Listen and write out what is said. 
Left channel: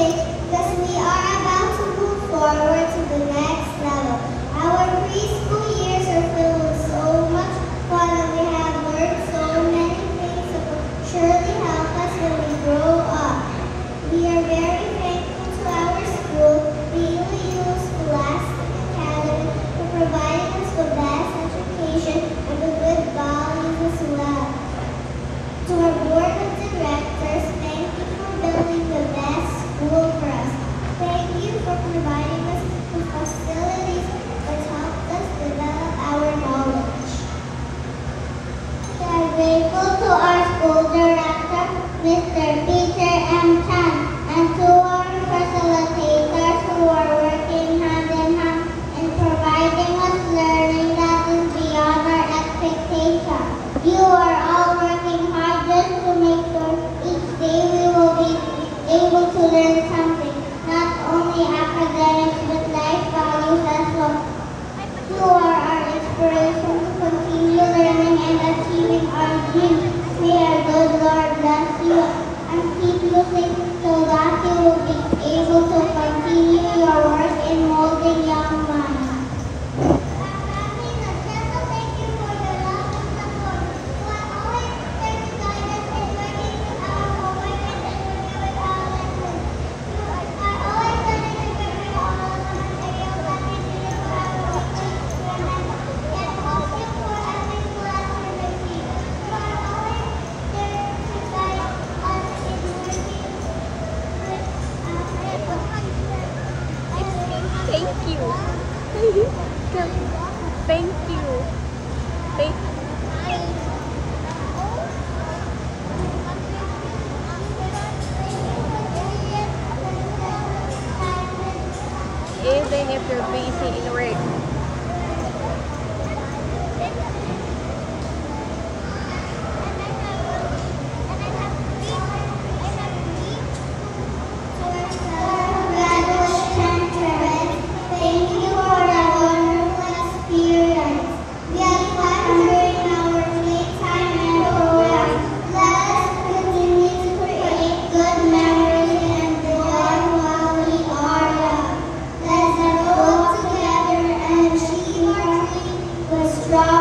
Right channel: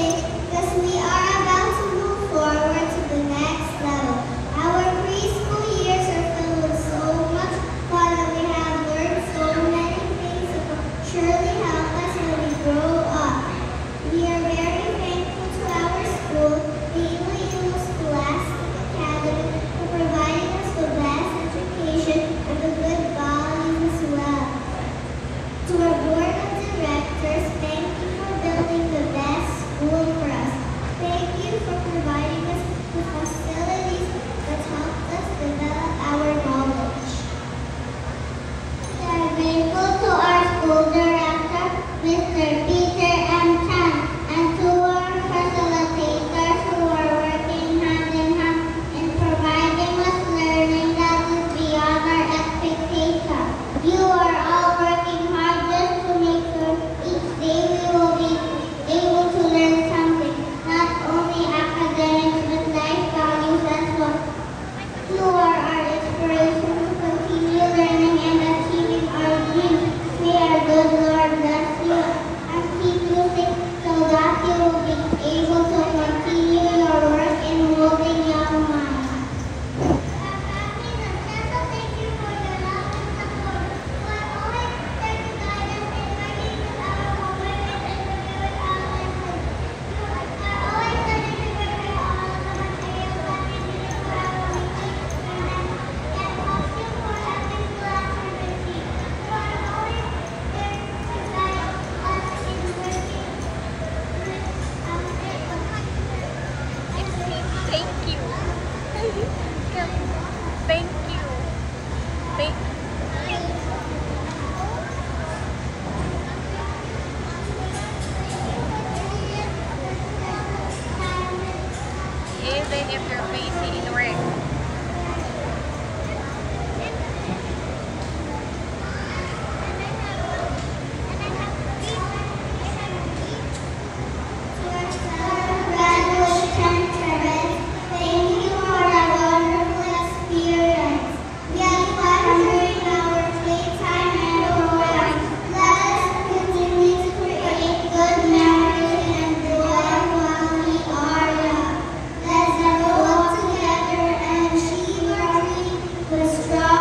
today because we are about to move forward to the next level. Our preschool years are filled with so much fun and we have learned so many things that will surely help us when we grow up. We are very thankful to our school, the UAU Scholastic Academy, for providing us the best education and the good values as well. To our board of directors, thank you for building the best school for us. Thank you for providing us with facilities that help us develop our knowledge. We are grateful to our school director, Mr. Peter M. Chan, and to our facilitators who are working hand in hand in providing us learning that is beyond our expectations. You are all working hard just to make sure each day we will be able to learn something, not only academics but life values as well. You are our inspiration to continue learning and achieving our dreams. May our good Lord bless you and keep you safe so that you will be able to continue your work in molding young minds. Thank you. Thank you. Thank Even if you're busy in work. Strong.